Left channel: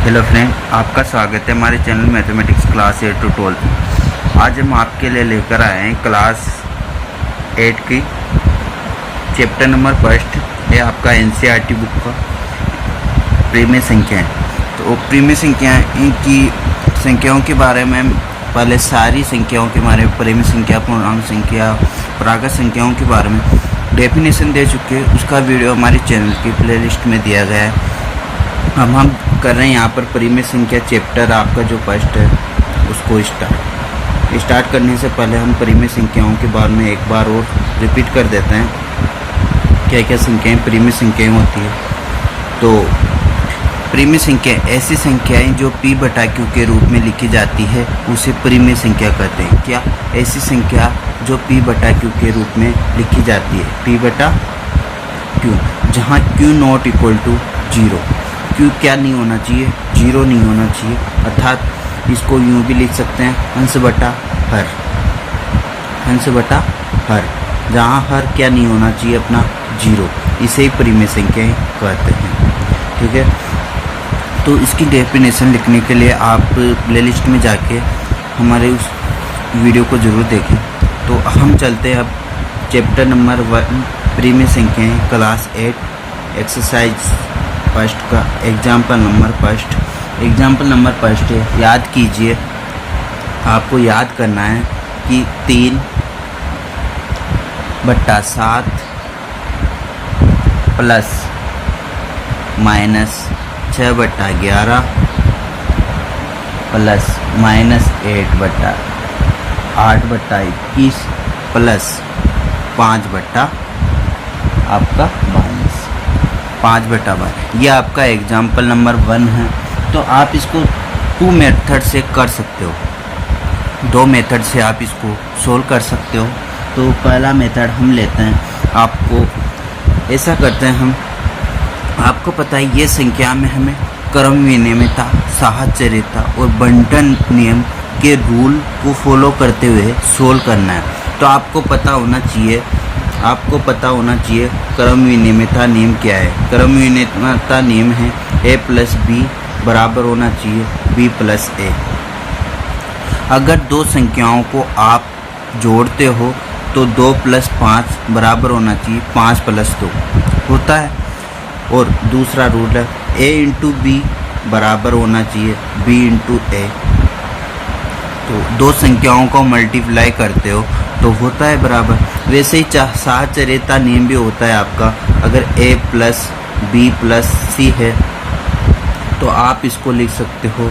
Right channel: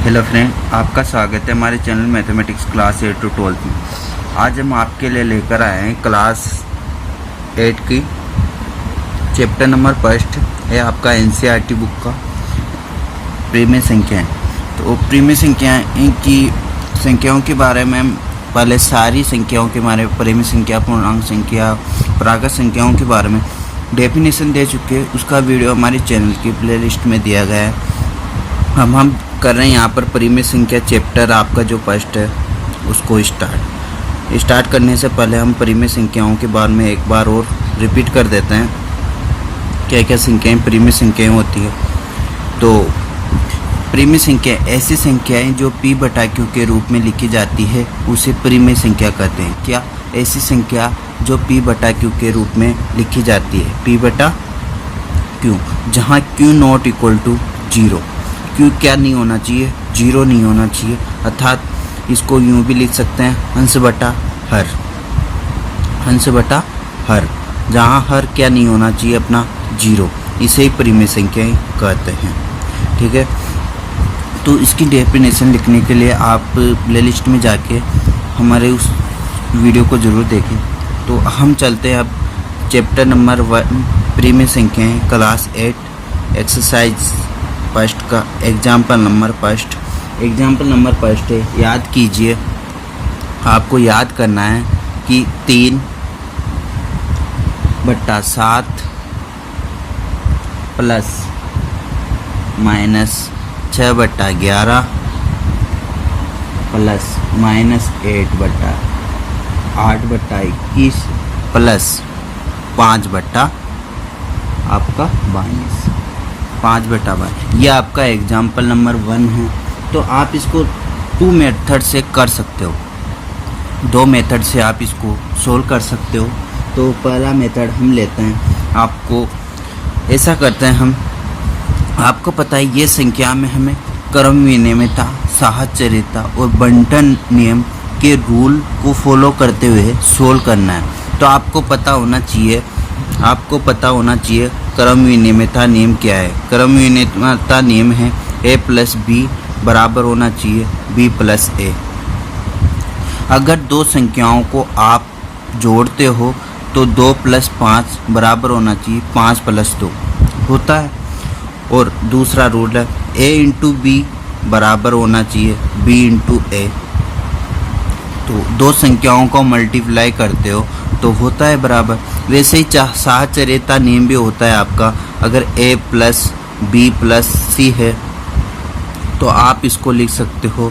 Hello friend, आपका स्वागत है हमारे चैनल मैथमेटिक्स क्लास 8 टू 12। आज हम आपके लिए लेकर आए हैं क्लास 8 की चैप्टर नंबर फर्स्ट है आपका एनसीईआरटी बुक का प्रीमिय संख्याएं। तो प्रीमिय संख्याएं की संख्याओं के बारे में पहले सारी संख्याओं के बारे में प्रीमिय संख्या, पूर्णांक संख्या, प्राकृत संख्याओं के बारे में डेफिनेशन दे चुके हैं। उसका वीडियो हमारे चैनल की प्लेलिस्ट में दिया गया है। हम कर रहे हैं यहाँ पर प्रीमिय संख्या चैप्टर आपका जो फर्स्ट है उसको स्टार्ट करने से पहले हम प्रीमिय संख्याओं के बारे में एक बार और रिपीट कर देते हैं क्या क्या संख्याएं प्रीमिय संख्याएं होती है। तो प्रीमिय संख्या ऐसी संख्याएं जो p बटा q के रूप में लिखी जाती है उसे प्रीमिय संख्या कहते हैं। क्या? ऐसी संख्या जो p बटा q के रूप में लिखी जाती है, p बटा q, जहाँ q not equal to 0। q क्या नहीं होना चाहिए? 0 नहीं होना चाहिए। अर्थात इसको यूँ भी लिख सकते हैं अंश बटा हर, जहाँ हर क्या नहीं होना चाहिए अपना 0। इसे ही प्रीमिय संख्याएं कहते हैं। ठीक है, तो इसकी डेफिनेशन लिखने के लिए आप प्लेलिस्ट में जाके हमारे उस वीडियो को ज़रूर देखें। तो हम चलते हैं अब चैप्टर नंबर 1 प्रीमिय संख्याएं क्लास 8 एक्सरसाइज फर्स्ट का एग्जाम्पल नंबर फर्स्ट है। याद कीजिए, आपको याद करना है कि 3/7 plus minus 6/11 plus minus 8/21 plus 5/22 ये आपका एग्जाम्पल नंबर 1 है। तो आप इसको 2 मेथड से कर सकते हो, 2 मेथड से आप इसको सोल्व कर सकते हो। तो पहला मेथड हम लेते हैं। आपको ऐसा करते हैं हम, आपको पता है ये संख्या में हमें क्रम विनिमयता, साहचर्यता और बंटन नियम के रूल को फॉलो करते हुए सोल्व करना है। तो आपको पता होना चाहिए क्रम विनिमयता नियम क्या है। क्रम विनिमयता नियम है a प्लस बी बराबर होना चाहिए b प्लस a। अगर दो संख्याओं को आप जोड़ते हो तो 2 + 5 बराबर होना चाहिए 5 + 2 होता है। और दूसरा रूल है a × b बराबर होना चाहिए b × a। तो दो संख्याओं को मल्टीप्लाई करते हो तो होता है बराबर। वैसे ही साहचर्यता नियम भी होता है आपका। अगर a plus b plus c है तो आप इसको लिख सकते हो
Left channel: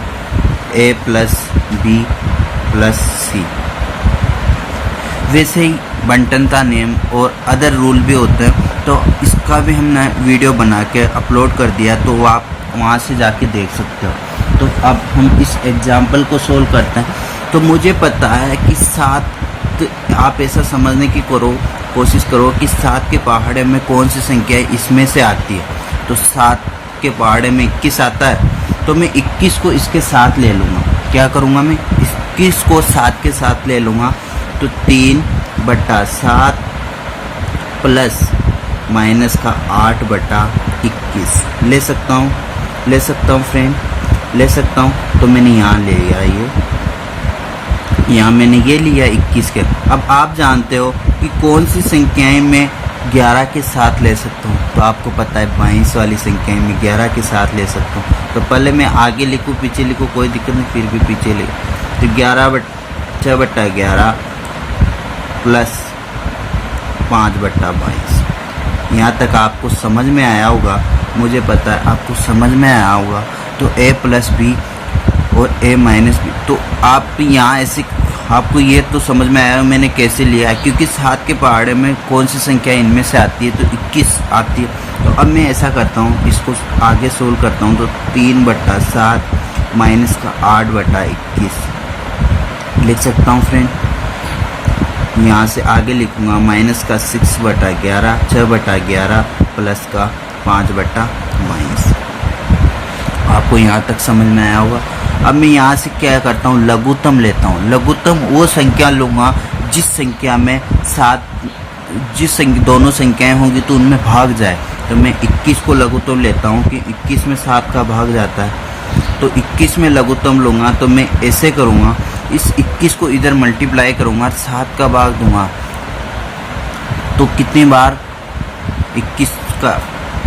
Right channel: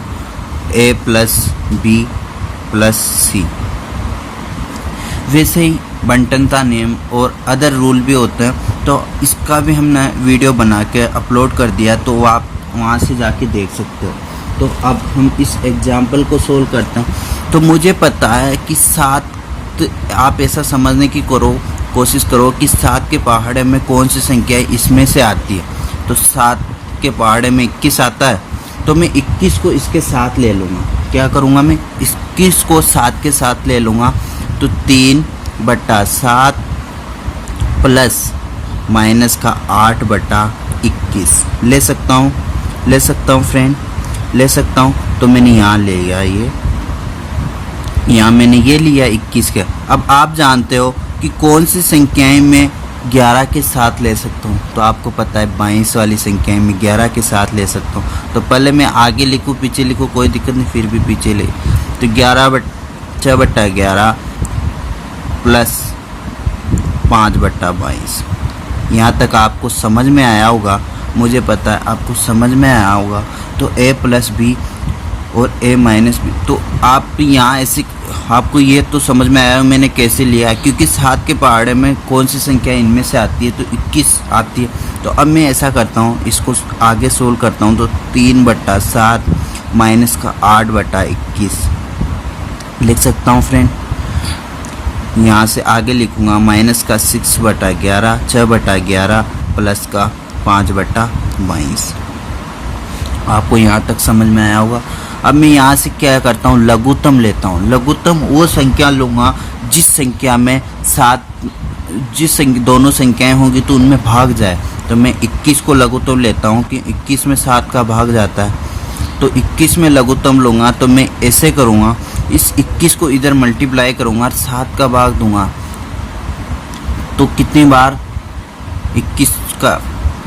a plus b plus c। वैसे ही बंटनता नियम और अदर रूल भी होते हैं। तो इसका भी हमने वीडियो बना के अपलोड कर दिया, तो आप वहाँ से जाके देख सकते हो। तो अब हम इस एग्जाम्पल को सोल्व करते हैं। तो मुझे पता है कि 7, आप ऐसा समझने की कोशिश करो कि 7 के पहाड़े में कौन सी संख्या इसमें से आती है। तो 7 के पहाड़े में 21 आता है, तो मैं 21 को इसके साथ ले लूँगा। क्या करूँगा? मैं 21 को 7 के साथ ले लूँगा। तो 3/7 प्लस माइनस का 8/21 ले सकता हूँ फ्रेंड, ले सकता हूँ। तो मैंने यहाँ ले लिया, यहाँ मैंने ये लिया 21 के। अब आप जानते हो कि कौन सी संख्याएं मैं 11 के साथ ले सकता हूँ। तो आपको पता है 22 वाली संख्याएं मैं 11 के साथ ले सकता हूँ। तो पहले मैं आगे लिखूँ पीछे लिखूँ कोई दिक्कत नहीं, फिर भी पीछे ले। तो 6/11 प्लस 5/22। यहाँ तक आपको समझ में आया होगा, मुझे पता है आपको समझ में आया होगा। तो a प्लस b और a माइनस b। तो आप यहाँ ऐसे, आपको ये तो समझ में आया मैंने कैसे लिया, क्योंकि 7 के पहाड़े में कौन सी संख्या इनमें से आती है, तो 21 आती है। तो अब मैं ऐसा करता हूँ, इसको आगे सोल्व करता हूँ। तो 3/7 माइनस का 8/21 लिख सकता हूँ फ्रेंड। यहाँ से आगे लिखूँगा माइनस का 6/11 प्लस का 5/22। आपको यहाँ तक समझ में आया होगा। अब मैं यहाँ से क्या करता हूँ, लघुत्तम लेता हूँ। लघुत्तम वो संख्या लूँगा जिस संख्या में दोनों संख्याएं होंगी तो उनमें भाग जाए। तो मैं 21 को लघुत्तम लेता हूँ कि 21 में 7 का भाग जाता है। तो 21 में लघुत्तम लूँगा तो मैं ऐसे करूँगा, इस 21 को इधर मल्टीप्लाई करूँगा, 7 का भाग दूँगा तो कितनी बार 21 का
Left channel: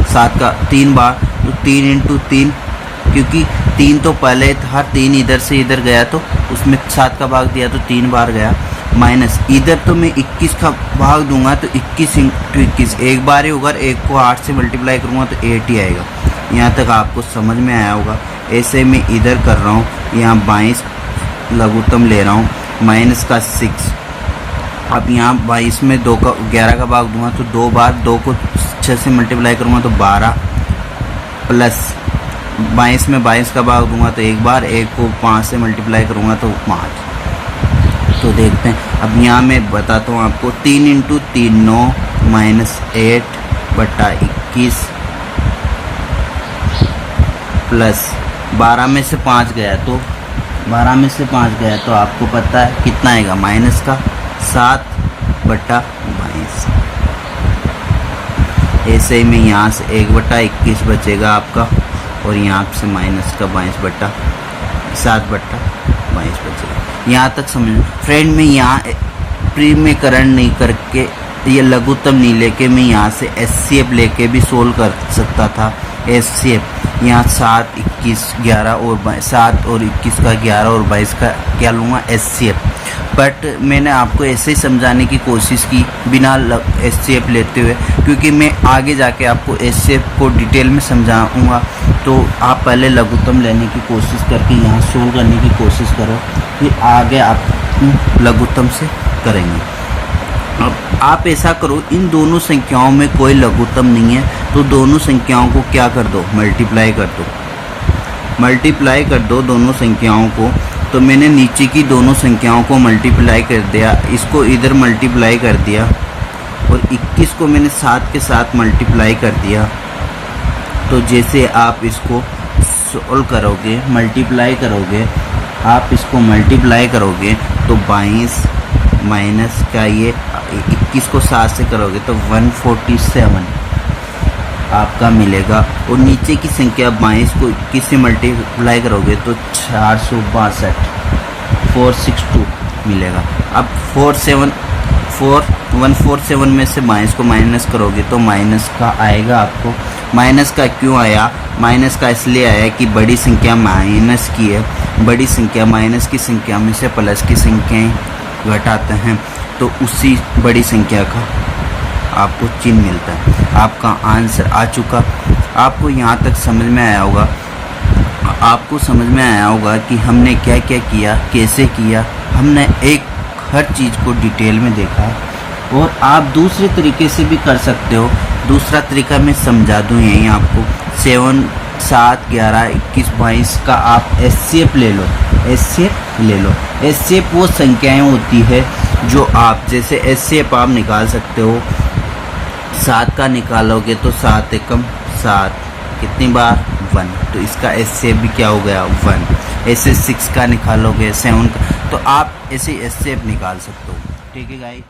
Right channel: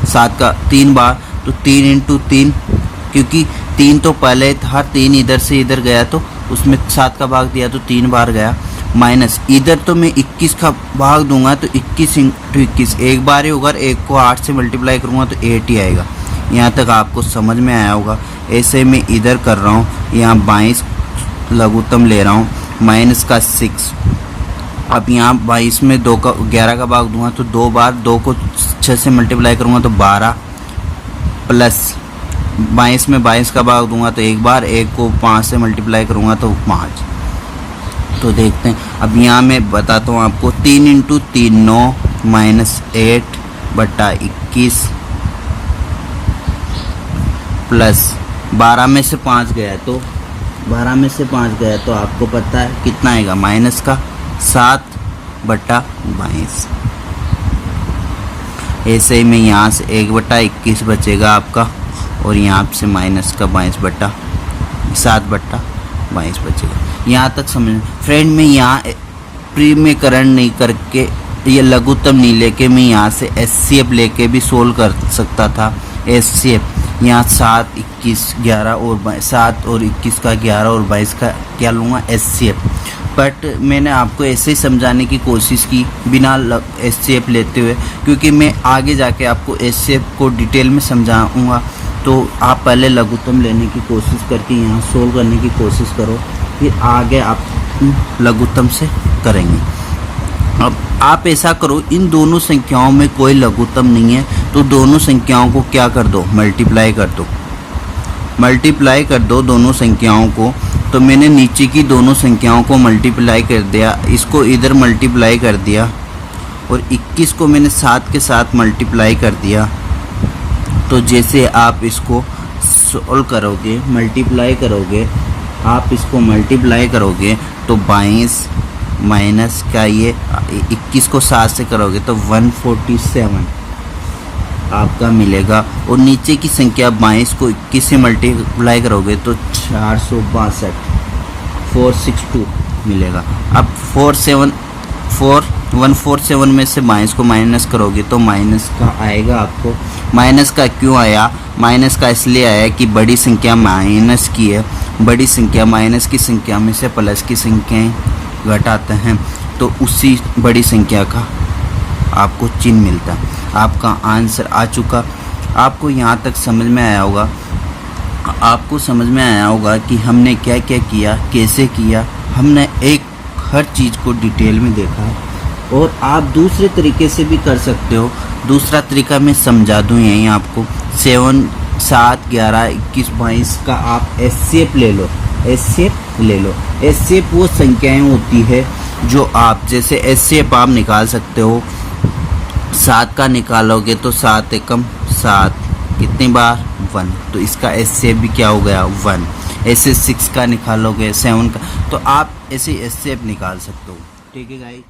7 का 3 बार, तो 3 इंटू 3, क्योंकि 3 तो पहले था, 3 इधर से इधर गया तो उसमें 7 का भाग दिया तो 3 बार गया, माइनस इधर तो मैं 21 का भाग दूंगा तो 21 इंटू 21 एक बार ही होगा, एक को 8 से मल्टीप्लाई करूँगा तो 8 ही आएगा। यहाँ तक आपको समझ में आया होगा। ऐसे मैं इधर कर रहा हूँ, यहाँ 22 लघुत्तम ले रहा हूँ, माइनस का 6। अब यहाँ 22 में 11 का भाग दूंगा तो 2 बार, 2 को 6 से मल्टीप्लाई करूँगा तो 12, प्लस 22 में 22 का भाग दूंगा तो एक बार, एक को 5 से मल्टीप्लाई करूँगा तो 5। तो देखते हैं, अब यहाँ मैं बताता हूँ आपको, 3 इंटू 3 9, माइनस 8 बटा 21 प्लस 12 में से 5 गया तो 12 में से 5 गया तो आपको पता है कितना आएगा, माइनस का 7 बटा 22। ऐसे ही में यहाँ से 1 बटा 21 बचेगा आपका, और यहाँ से माइनस का 7 बटा 22 बचेगा। यहाँ तक समझ फ्रेंड, में यहाँ प्रीमीकरण नहीं करके, ये लघुत्तम नहीं लेके मैं यहाँ से एचसीएफ लेके भी सोल्व कर सकता था। एचसीएफ यहाँ 7 21 11 और 7 और 21 का 11 और 22 का क्या लूँगा, एचसीएफ। बट मैंने आपको ऐसे ही समझाने की कोशिश की बिना एचसीएफ लेते हुए, क्योंकि मैं आगे जाके आपको एचसीएफ को डिटेल में समझाऊंगा। तो आप पहले लघुत्तम लेने की कोशिश करके यहाँ सोल्व करने की कोशिश करो, फिर आगे आप लघुत्तम से करेंगे। अब आप ऐसा करो, इन दोनों संख्याओं में कोई लघुत्तम नहीं है तो दोनों संख्याओं को क्या कर दो, मल्टीप्लाई कर दो। मल्टीप्लाई कर दो दोनों संख्याओं को। तो मैंने नीचे की दोनों संख्याओं को मल्टीप्लाई कर दिया, इसको इधर मल्टीप्लाई कर दिया, और 21 को मैंने 7 के साथ मल्टीप्लाई कर दिया। तो जैसे आप इसको सोल्व करोगे, मल्टीप्लाई करोगे, आप इसको मल्टीप्लाई करोगे तो 22 माइनस का ये 21 को 7 से करोगे तो 147 आपका मिलेगा, और नीचे की संख्या 22 को 21 से मल्टीप्लाई करोगे तो 462 मिलेगा। अब 147 में से 22 को माइनस करोगे तो माइनस का आएगा आपको। माइनस का क्यों आया, माइनस का इसलिए आया कि बड़ी संख्या माइनस की है, बड़ी संख्या माइनस की संख्या में से प्लस की संख्याएं घटाते हैं तो उसी बड़ी संख्या का आपको चिन्ह मिलता है। आपका आंसर आ चुका। आपको यहाँ तक समझ में आया होगा, आपको समझ में आया होगा कि हमने क्या क्या किया, कैसे किया। हमने हर चीज़ को डिटेल में देखा, और आप दूसरे तरीके से भी कर सकते हो। दूसरा तरीका मैं समझा दूँ यहीं आपको। 7 7 11 21 22 का आप एचसीएफ ले लो, एचसीएफ ले लो। एचसीएफ वो संख्याएं होती है जो आप, जैसे एचसीएफ आप निकाल सकते हो, 7 का निकालोगे तो 7 एकम 7, कितनी बार 1, तो इसका एचसीएफ भी क्या हो गया 1। ऐसे 6 का निकालोगे, 7 का, तो आप ऐसे एचसीएफ निकाल सकते हो। ठीक है गाइस।